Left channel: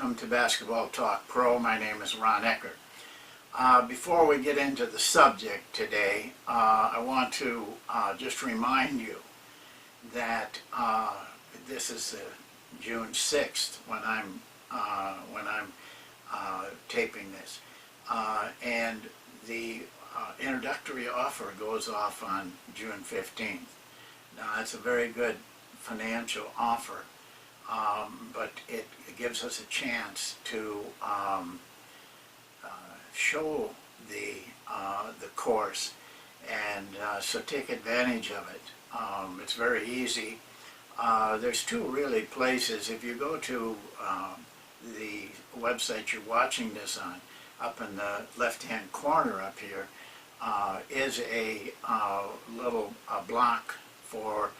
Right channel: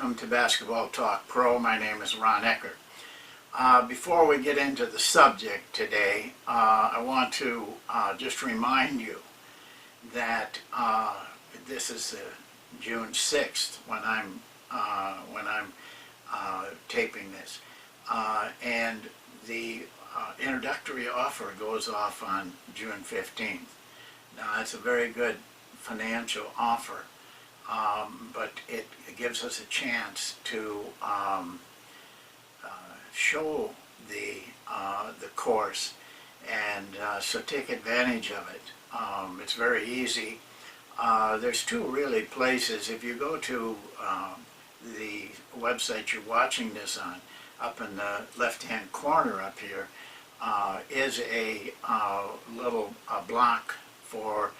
welcome to Basketball Talk Pro. My name is Ron Ekker. Before we get into the subject today, I want to just remind you that this is June 6th when I'm taping this, and the introductory offer goes off on June 15th. Now that's a very good financial offer. But it gives us a chance to show the course, and so take advantage of it. It's very easy. There's two really places. If you go to the website you're watching this on, up in the left-hand corner up here is a little block for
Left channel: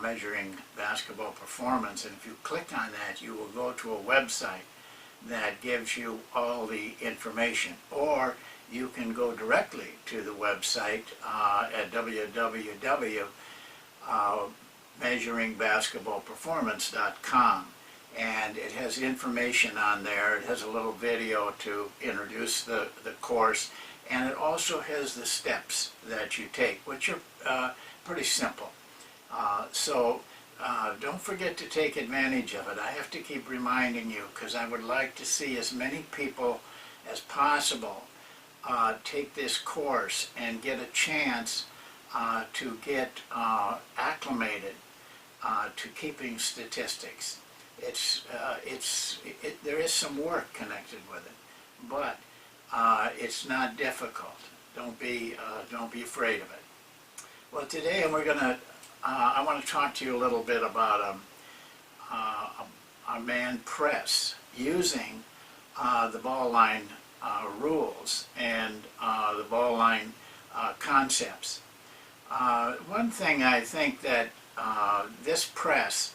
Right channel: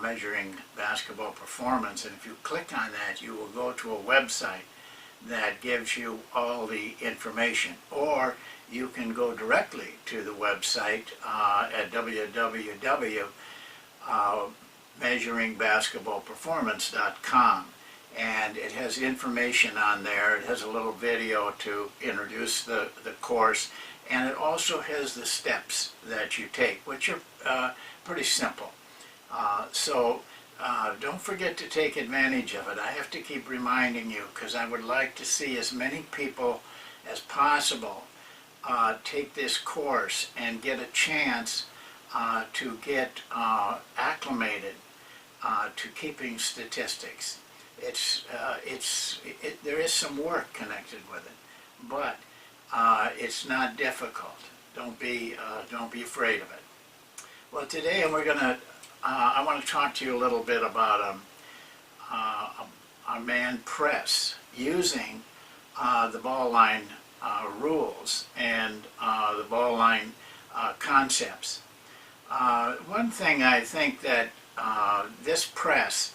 measuring basketball performance, and if you click on that you will go to a website that gives you all the information, or you can go directly to the website at www.measuringbasketballperformance.com, and it has information on there. It has a little video to introduce the course, and it also has the steps that you take, which are pretty simple. So don't forget to take advantage of it. I have to keep reminding you because I would like to see as many people as possible take this course and get a chance to get acclimated to keeping statistics. There is some work connected with it, but it's not difficult. Don't be afraid of it. Well, today I want to talk to you a little bit about a man press using the ball line rules and the ball line concepts. One thing I think that this press,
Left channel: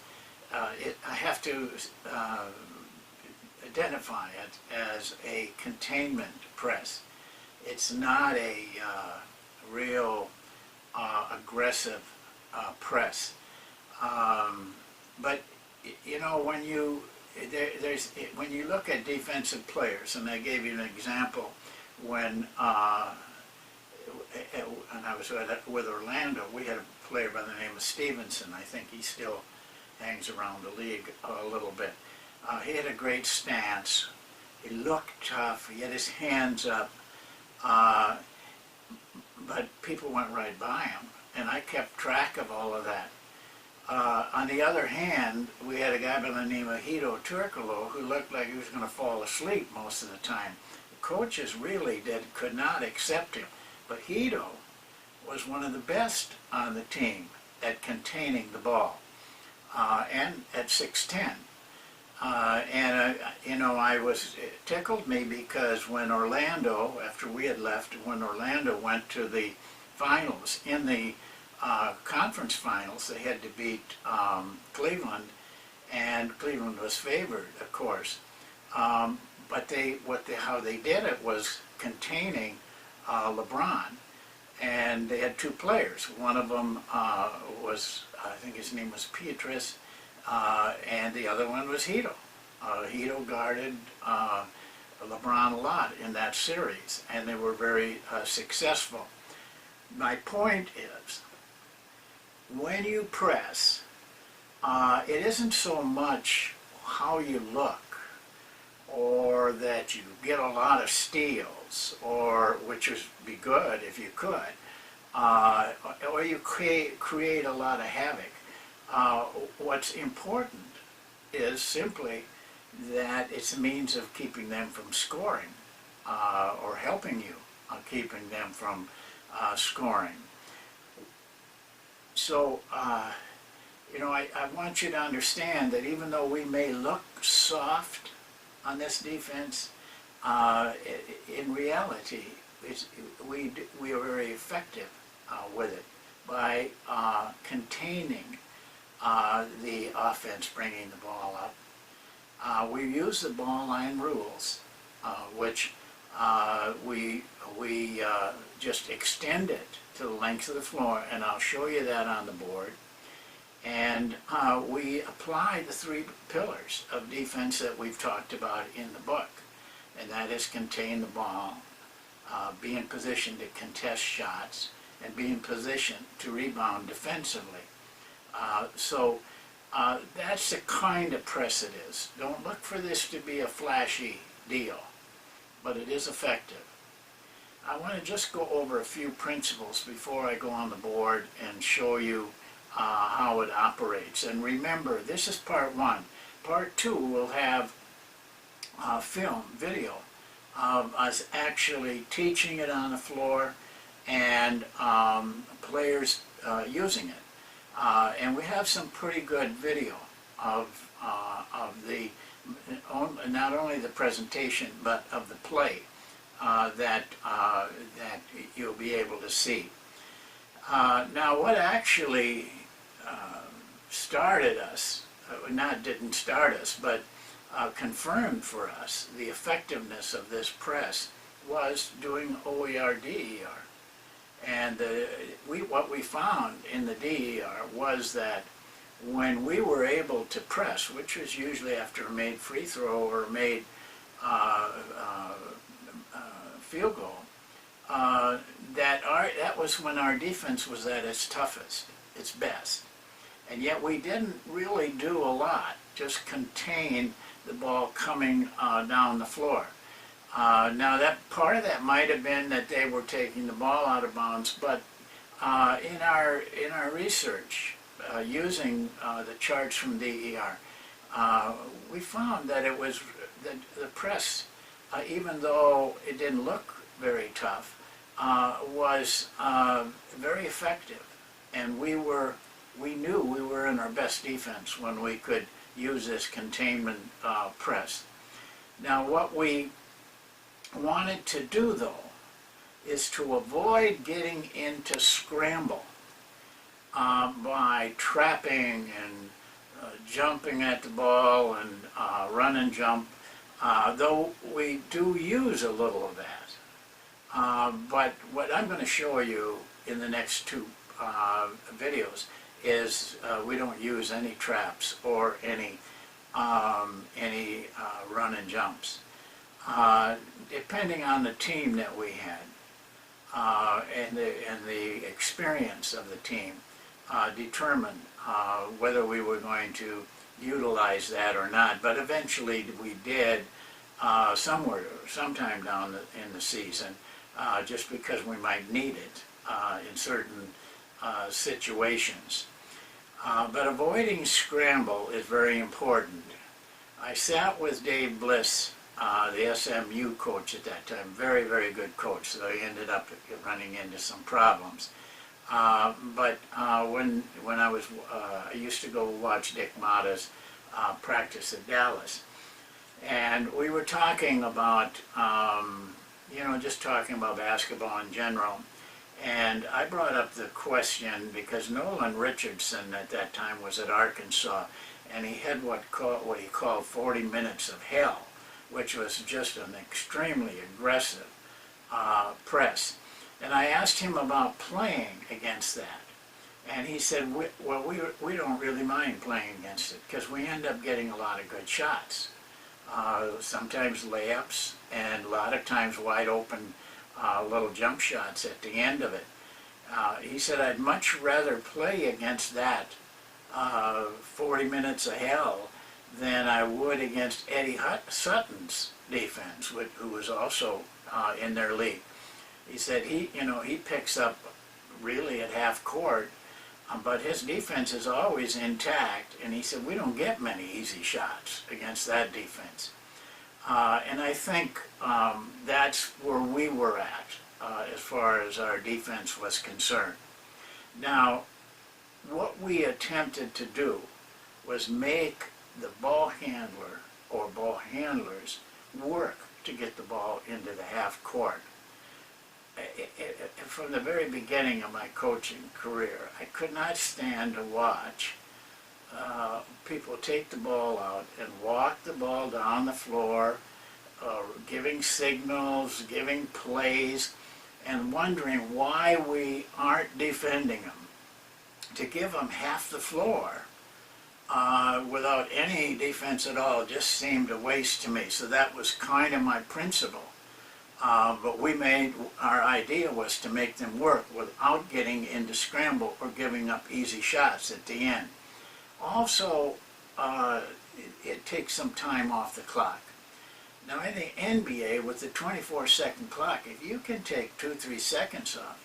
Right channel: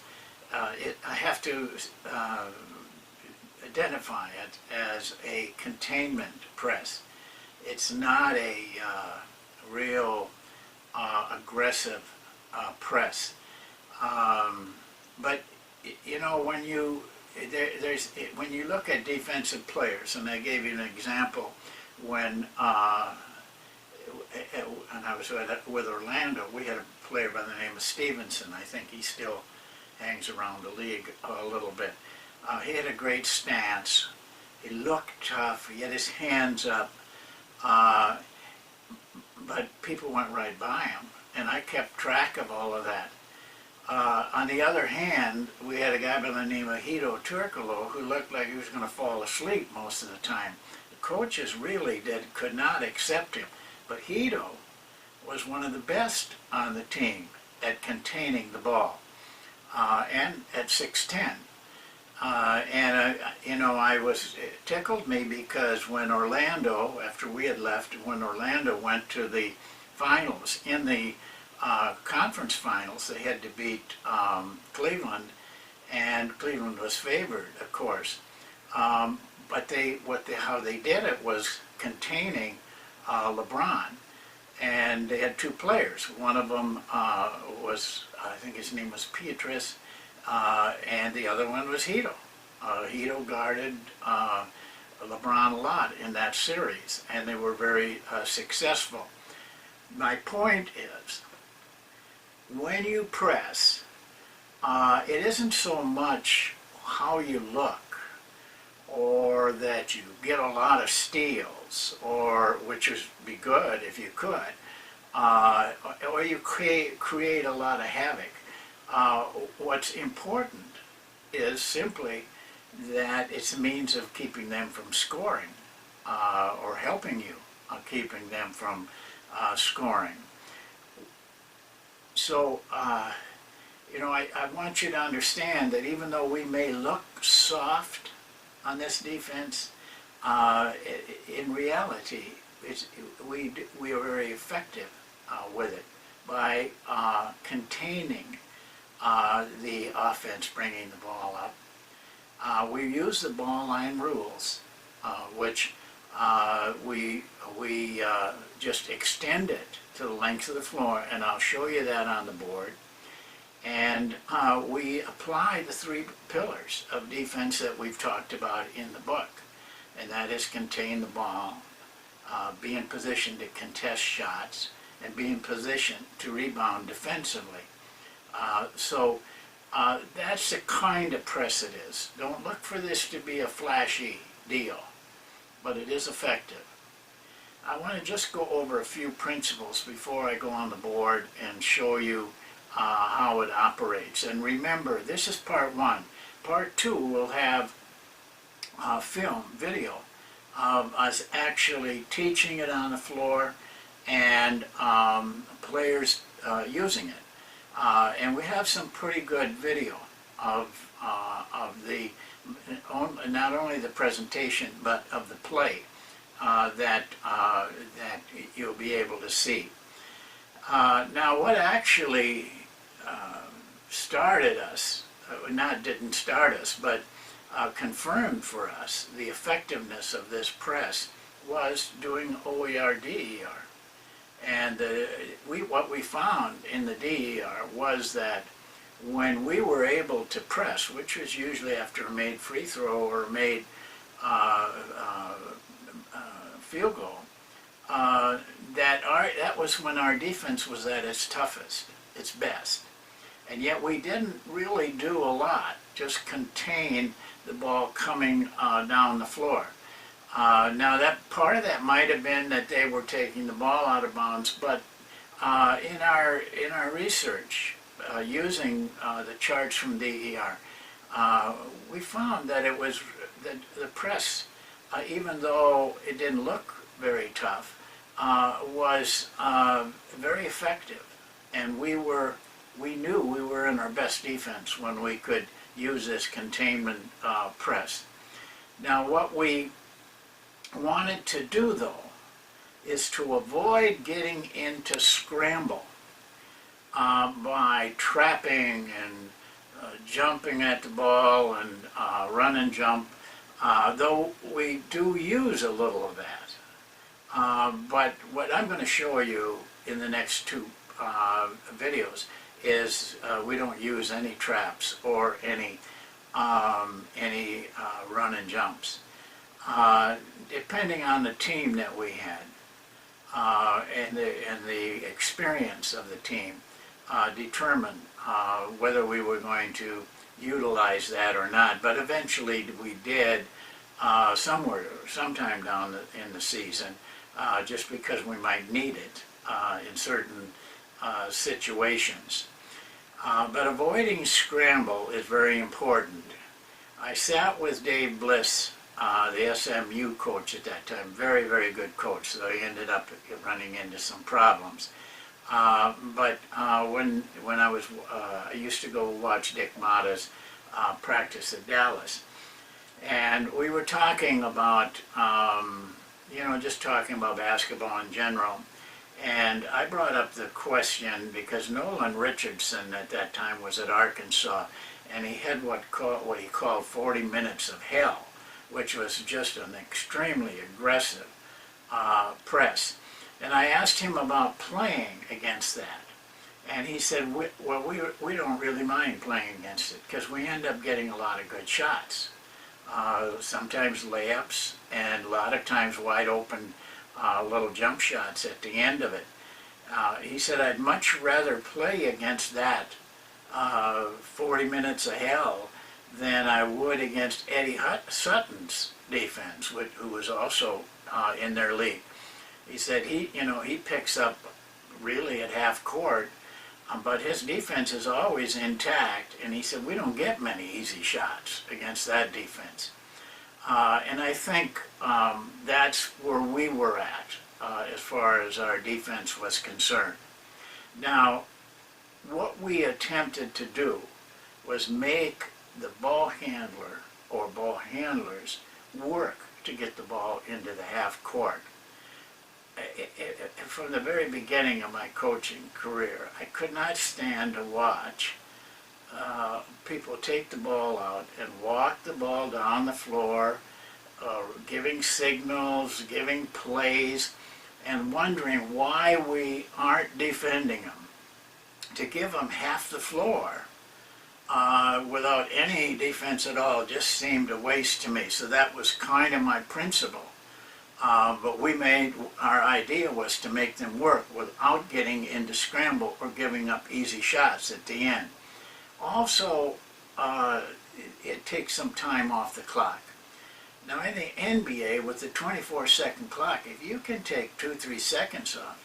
I have to identify it as a containment press. It's not a real aggressive press, but you know, when you look at defensive players, and I gave you an example when I was with Orlando, we had a player by the name of Stevenson. I think he still hangs around the league a little bit. He had a great stance. He looked tough. He had his hands up, but people went right by him. And I kept track of all of that. On the other hand, we had a guy by the name of Hedo Turkoglu who looked like he was going to fall asleep most of the time. The coaches really could not accept him. But Hedo was one of the best on the team at containing the ball, and at 6'10". You know, it tickled me because when Orlando, after we had left, when Orlando went to the finals, in the conference finals, they had to beat Cleveland, and Cleveland was favored, of course. But how they did it was containing LeBron, and they had two players. One of them was, I think his name was Pietrus, and the other one was Hedo. Hedo guarded LeBron a lot in that series, and they were very successful. My point is, when you press, it isn't so much how you look, or that you get a lot of steals, which would be good if you could, or you create a lot of havoc. What's important is simply that it's a means of keeping them from scoring, or helping you keeping them from scoring. So, you know, I want you to understand that even though we may look soft on this defense, in reality, we are very effective with it by containing the offense, bringing the ball up. We use the ball line rules, which we just extend it to the length of the floor, and I'll show you that on the board. And we apply the 3 pillars of defense that we've talked about in the book. And that is contain the ball, be in position to contest shots, and be in position to rebound defensively. So that's the kind of press it is. Don't look for this to be a flashy deal, but it is effective. I want to just go over a few principles before I go on the board and show you how it operates. And remember, this is part 1. Part 2 will have video of us actually teaching it on the floor and players using it. And we have some pretty good video of the not only the presentation but of the play that you'll be able to see. Now, what actually started us, didn't start us, but confirmed for us the effectiveness of this press was doing OER DER. And what we found in the DER was that when we were able to press, which was usually after a made free throw or a made field goal, that was when our defense was at its toughest, its best. And yet we didn't really do a lot, just contain the ball coming down the floor. Now, that part of that might have been that they were taking the ball out of bounds, but in our research, using the charts from DER, we found that it was the press, even though it didn't look very tough, was very effective, and we knew we were in our best defense when we could use this containment press. Now, what we wanted to do, though, is to avoid getting into scramble by trapping and jumping at the ball and run and jump, though we do use a little of that. But what I'm going to show you in the next 2 videos is we don't use any traps or any run and jumps. Depending on the team that we had and the experience of the team, determined whether we were going to utilize that or not. But eventually we did sometime down in the season, just because we might need it in certain situations. But avoiding scramble is very important. I sat with Dave Bliss, the SMU coach at that time, very, very good coach, so he ended up running into some problems. But when I used to go watch Dick Motta's practice at Dallas, and we were talking about, just talking about basketball in general, and I brought up the question because Nolan Richardson at that time was at Arkansas, and he had what he called 40 minutes of hell, which was just an extremely aggressive press. And I asked him about playing against that. And he said, we don't really mind playing against it because we end up getting a lot of good shots. Sometimes layups and a lot of times wide open little jump shots at the end of it. He said, I'd much rather play against that 40 minutes of hell than I would against Eddie Sutton's defense, who was also in their league. He said he picks up really at half court, but his defense is always intact, and he said we don't get many easy shots against that defense. And I think that's where we were at as far as our defense was concerned. Now, what we attempted to do was make the ball handler or ball handlers work to get the ball into the half court. From the very beginning of my coaching career, I could not stand to watch people take the ball out and walk the ball down the floor, giving signals, giving plays, and wondering why we aren't defending them. to give them half the floor without any defense at all just seemed a waste to me. So that was kind of my principle. But our idea was to make them work without getting into scramble or giving up easy shots at the end. Also, it takes some time off the clock. Now in the NBA, with the 24-second clock, if you can take 2-3 seconds off,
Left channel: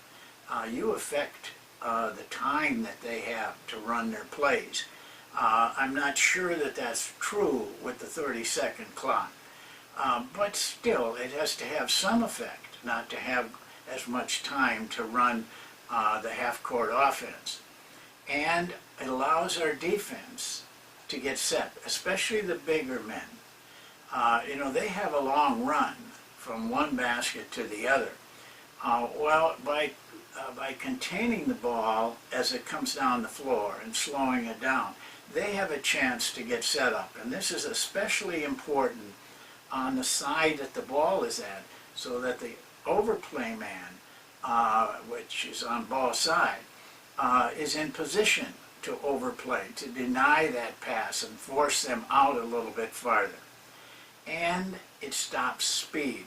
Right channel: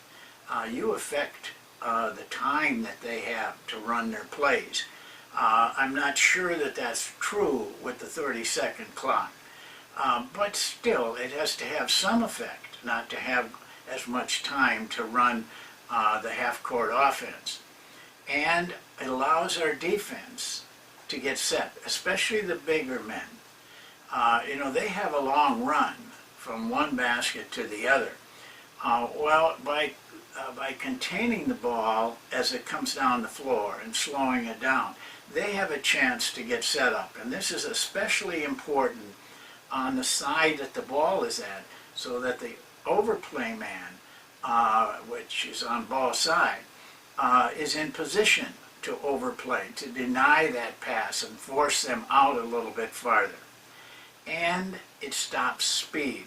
you affect the time that they have to run their plays. I'm not sure that that's true with the 30-second clock. But still, it has to have some effect, not to have as much time to run the half-court offense. And it allows our defense to get set, especially the bigger men. They have a long run from one basket to the other. Well, by containing the ball as it comes down the floor and slowing it down, they have a chance to get set up. And this is especially important on the side that the ball is at, so that the overplay man, which is on ball side, is in position to overplay, to deny that pass and force them out a little bit farther. And it stops speed.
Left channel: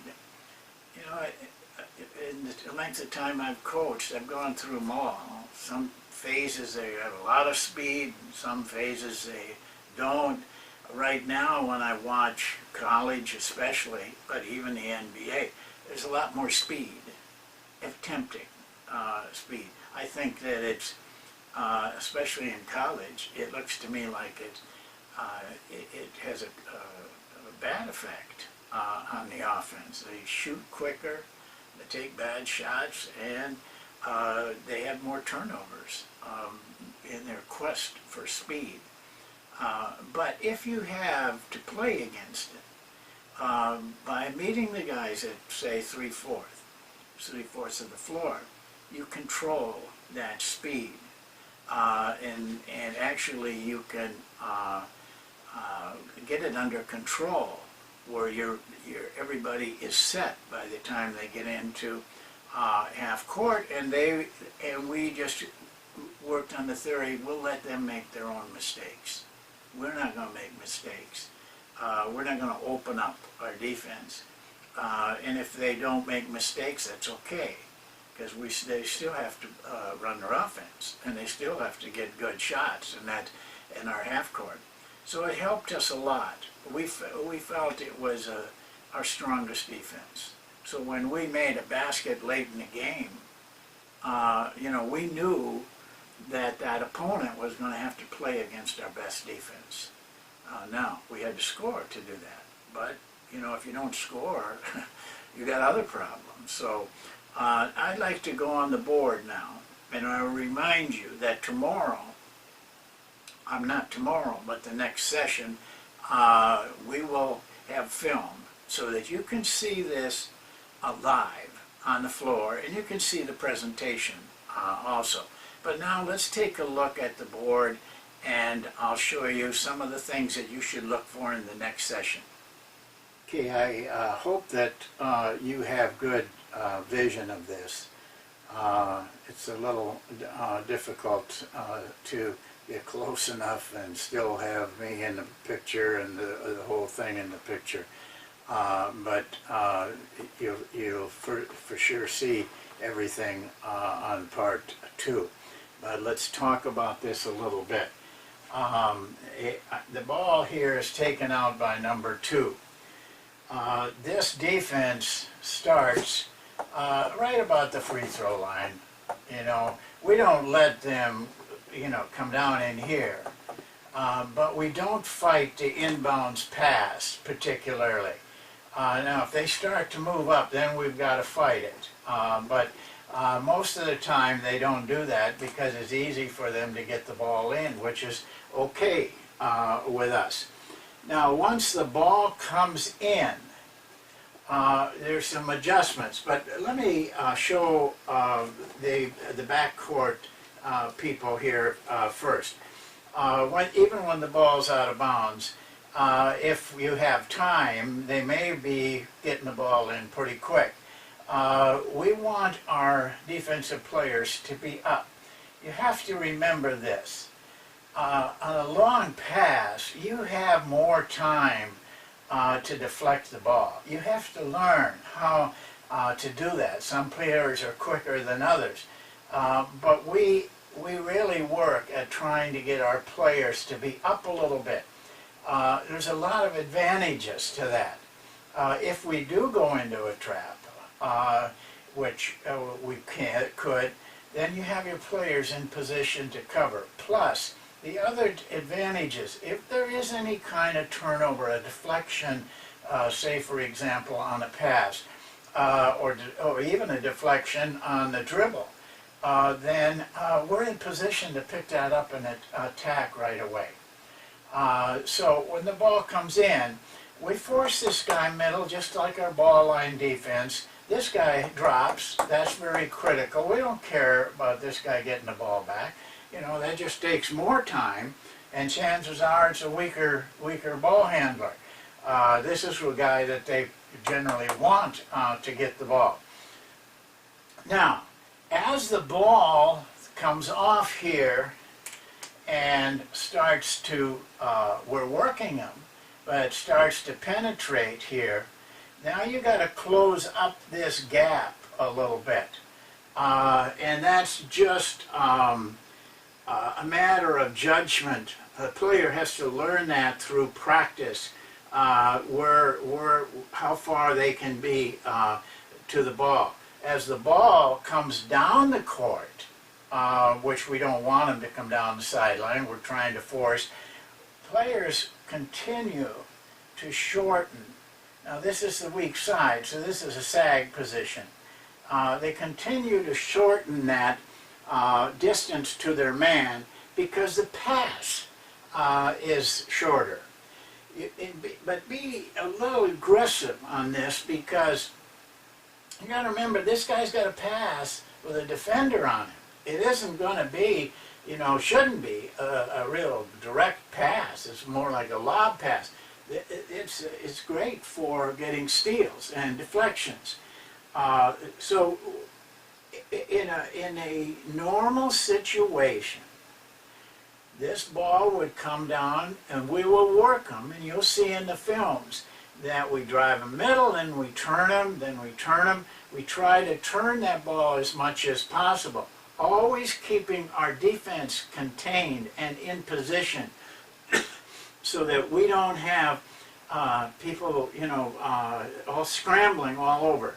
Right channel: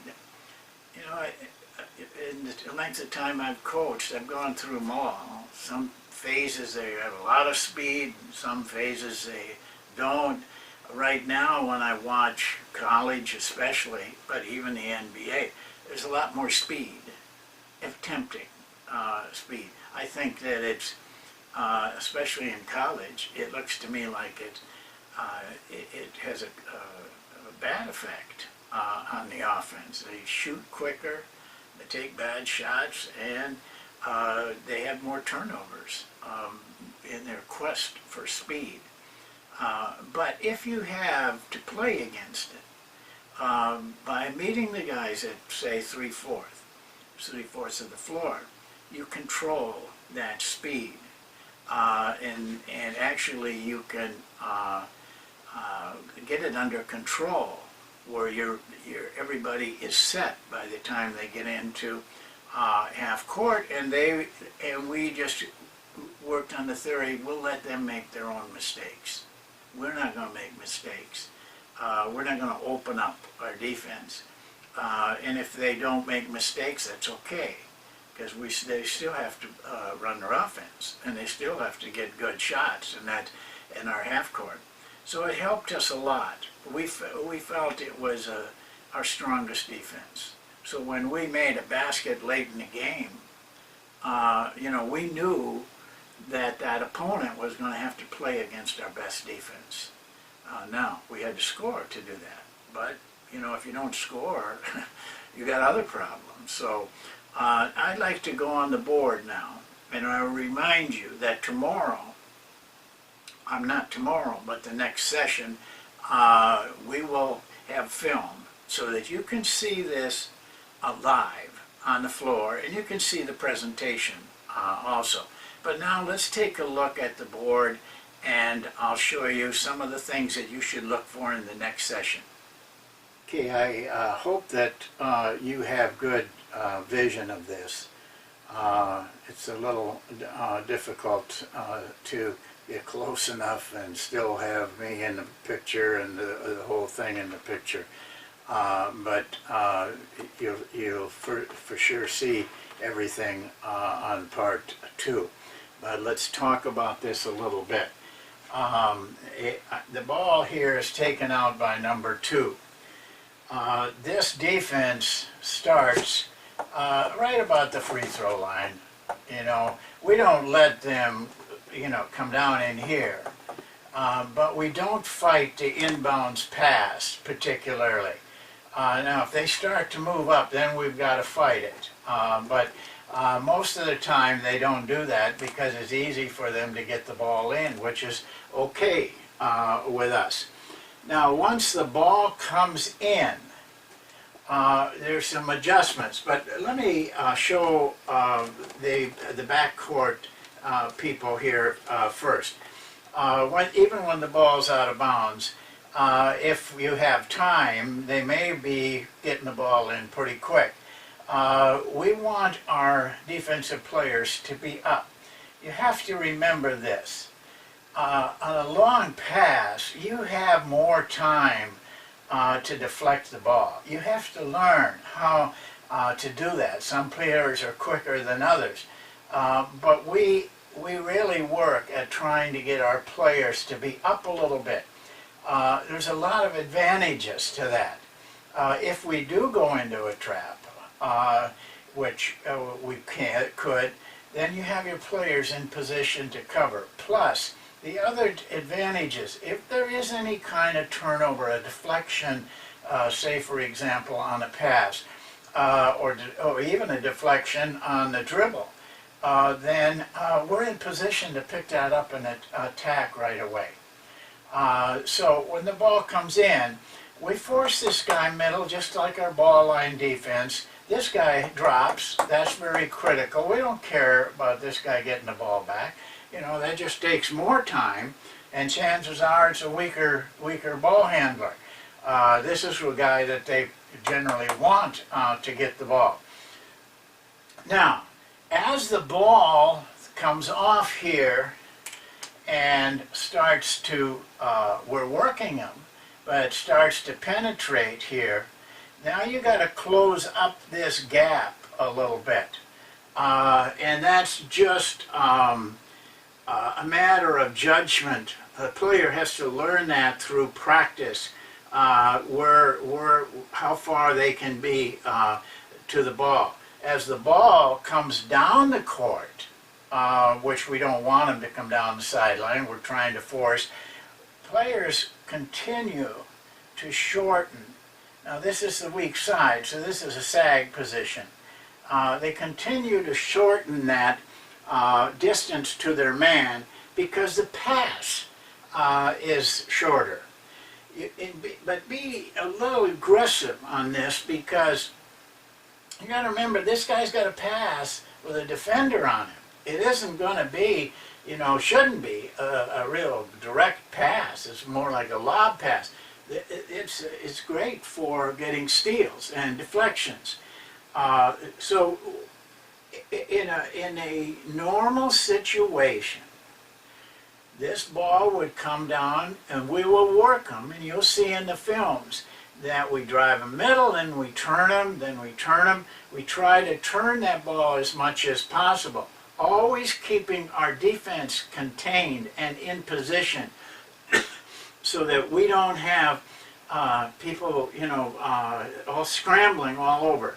In the length of time I've coached, I've gone through them all. Some phases they have a lot of speed, and some phases they don't. Right now, when I watch college especially, but even the NBA, there's a lot more speed, tempting speed. I think that it's, especially in college, it looks to me like it has a bad effect on the offense. They shoot quicker, they take bad shots, and they have more turnovers in their quest for speed. But if you have to play against it, by meeting the guys at, say, 3/4 of the floor, you control that speed. And actually you can get it under control where everybody is set by the time they get into half court, and we just worked on the theory, we'll let them make their own mistakes. We're not going to make mistakes. We're not going to open up our defense. And if they don't make mistakes, that's okay, because they still have to run their offense, and they still have to get good shots in our half court. So it helped us a lot. We felt it was our strongest defense. So when we made a basket late in the game, we knew that opponent was going to have to play against our best defense. Now, we had to score to do that. But, if you don't score, you got other problems. So I'd like to go on the board now. And I'll remind you that tomorrow, not tomorrow, but the next session, we will have film so that you can see this live on the floor, and you can see the presentation also. But now let's take a look at the board, and I'll show you some of the things that you should look for in the next session. Okay, I hope that you have good vision of this. It's a little difficult to get close enough and still have me in the picture and the whole thing in the picture. But you'll for sure see everything on part 2. But let's talk about this a little bit. The ball here is taken out by number 2. This defense starts right about the free throw line. We don't let them, come down in here. But we don't fight the inbounds pass particularly. Now, if they start to move up, then we've got to fight it. But most of the time they don't do that because it's easy for them to get the ball in, which is okay with us. Now, once the ball comes in, there's some adjustments. But let me show the backcourt people here first. Even when the ball's out of bounds, if you have time, they may be getting the ball in pretty quick. We want our defensive players to be up. you have to remember this. On a long pass, you have more time to deflect the ball. You have to learn how to do that. Some players are quicker than others, but we really work at trying to get our players to be up a little bit. There's a lot of advantages to that. If we do go into a trap, which we could, then you have your players in position to cover. Plus, the other advantages, if there is any kind of turnover, a deflection, say for example on a pass, or even a deflection on the dribble, then we're in position to pick that up and attack right away. So when the ball comes in, we force this guy middle just like our ball line defense. This guy drops. That's very critical. We don't care about this guy getting the ball back. You know, that just takes more time, and chances are it's a weaker ball handler. This is a guy that they generally want to get the ball. Now, as the ball comes off here and starts to, we're working him, but it starts to penetrate here, now you got to close up this gap a little bit. And that's just a matter of judgment. The player has to learn that through practice, how far they can be to the ball. As the ball comes down the court, which we don't want them to come down the sideline, we're trying to force, players continue to shorten. Now this is the weak side, so this is a sag position. They continue to shorten that distance to their man because the pass is shorter. But be a little aggressive on this, because you got to remember, this guy's got a pass with a defender on him. It isn't going to be, you know, shouldn't be a real direct pass. It's more like a lob pass. It's great for getting steals and deflections. So in a normal situation, this ball would come down and we will work them, and you'll see in the films that we drive them middle, then we turn them, then we turn them. We try to turn that ball as much as possible, always keeping our defense contained and in position so that we don't have people, you know, all scrambling all over.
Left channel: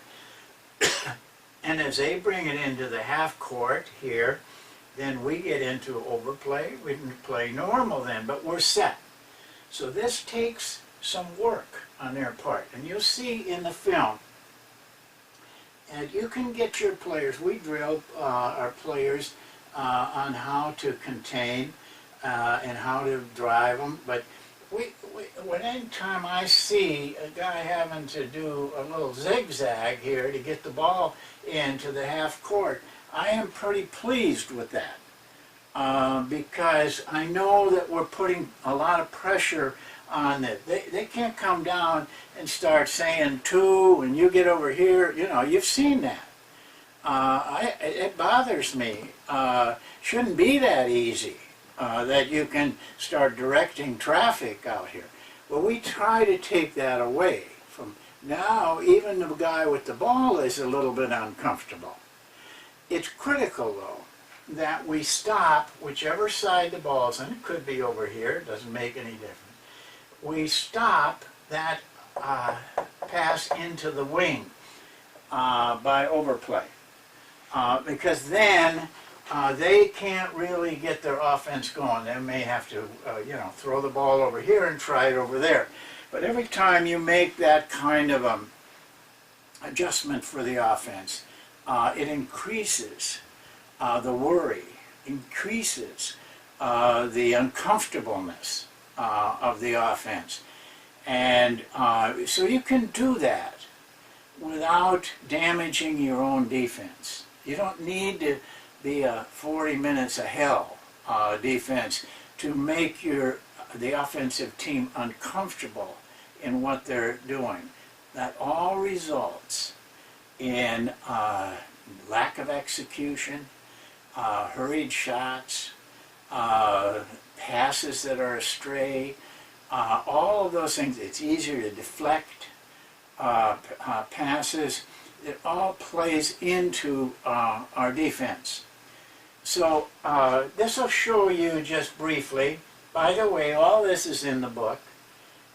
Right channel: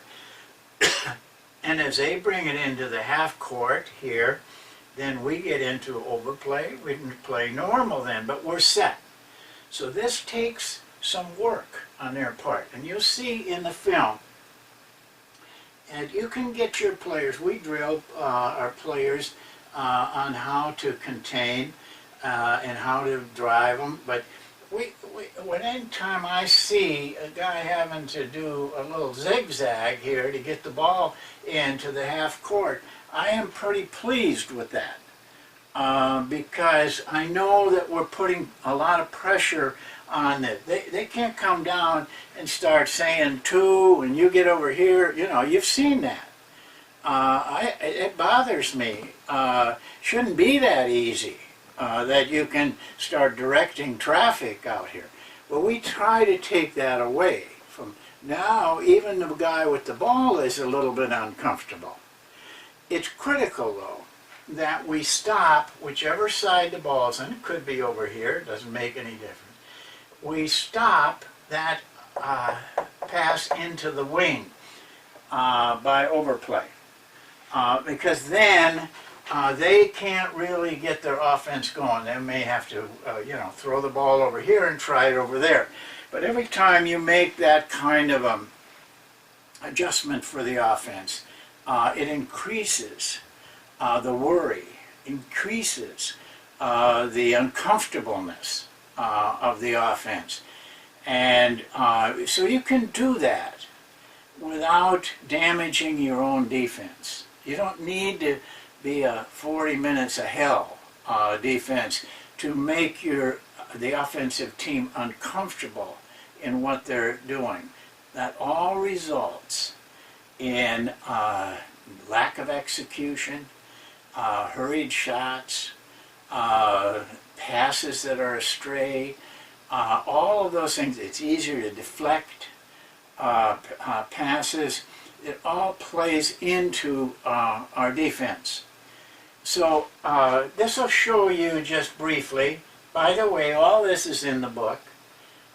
And as they bring it into the half court here, then we get into overplay. We can play normal then, but we're set. So this takes some work on their part. And you'll see in the film, and you can get your players, we drill our players on how to contain and how to drive them. But any time I see a guy having to do a little zigzag here to get the ball into the half court, I am pretty pleased with that because I know that we're putting a lot of pressure on it. They can't come down and start saying two and you get over here. You know, you've seen that. It bothers me. Shouldn't be that easy that you can start directing traffic out here. Well, we try to take that away. From now, even the guy with the ball is a little bit uncomfortable. It's critical, though, that we stop whichever side the ball's in. It could be over here. It doesn't make any difference. We stop that pass into the wing by overplay. Because then they can't really get their offense going. They may have to, you know, throw the ball over here and try it over there. But every time you make that kind of adjustment for the offense, it increases the worry, increases the uncomfortableness of the offense. And so you can do that without damaging your own defense. You don't need to be a 40 minutes of hell defense to make the offensive team uncomfortable in what they're doing. That all results in lack of execution, hurried shots, passes that are astray, all of those things. It's easier to deflect passes. It all plays into our defense. So this will show you just briefly. By the way, all this is in the book.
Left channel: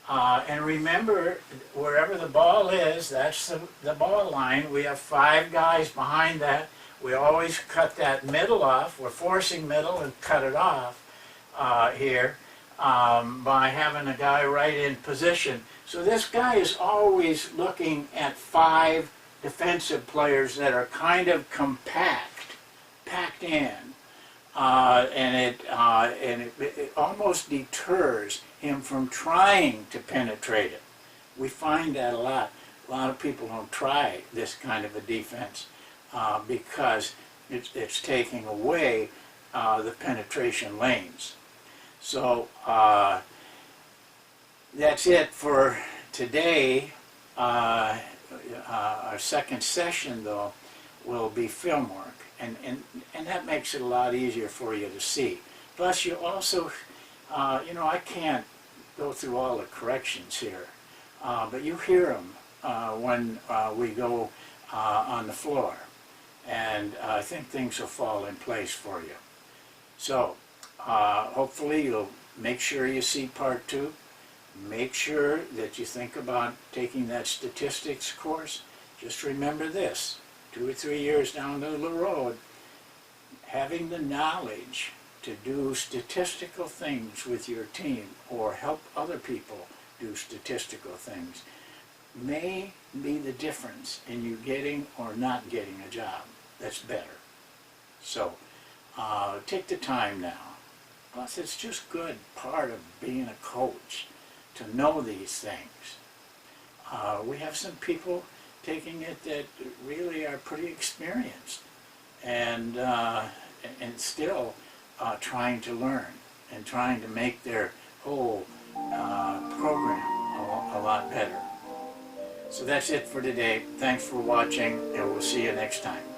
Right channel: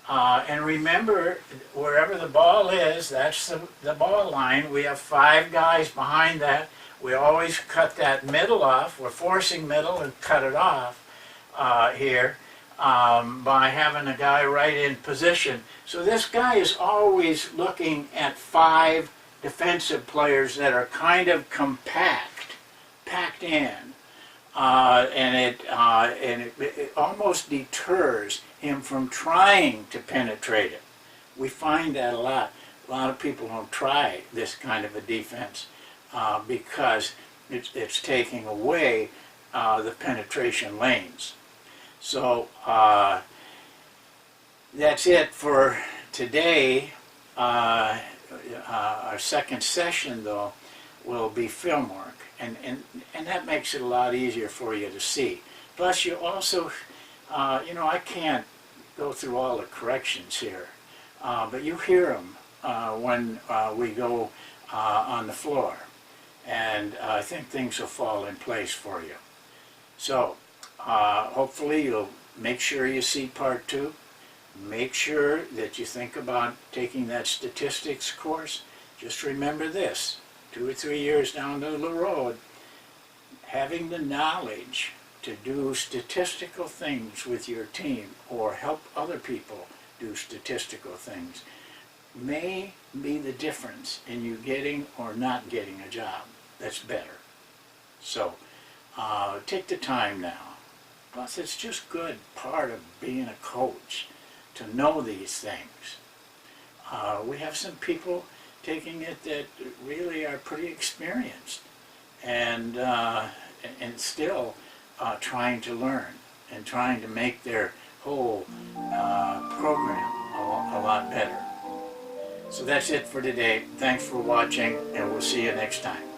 And remember, wherever the ball is, that's the ball line. We have 5 guys behind that. We always cut that middle off. We're forcing middle and cut it off here by having a guy right in position. So this guy is always looking at 5 defensive players that are kind of packed in. And it almost deters him from trying to penetrate it. We find that a lot. A lot of people don't try this kind of a defense because it's taking away the penetration lanes. So that's it for today. Our second session, though, will be film work, and that makes it a lot easier for you to see. Plus, you also, I can't go through all the corrections here, but you hear them when we go on the floor, and I think things will fall in place for you. So, hopefully you'll make sure you see part 2. Make sure that you think about taking that statistics course. Just remember this, 2 or 3 years down the road, having the knowledge to do statistical things with your team or help other people do statistical things may be the difference in you getting or not getting a job that's better. So take the time now. Plus, it's just good part of being a coach to know these things. We have some people taking it that really are pretty experienced and still trying to learn and trying to make their whole program a lot better. So that's it for today. Thanks for watching, and we'll see you next time.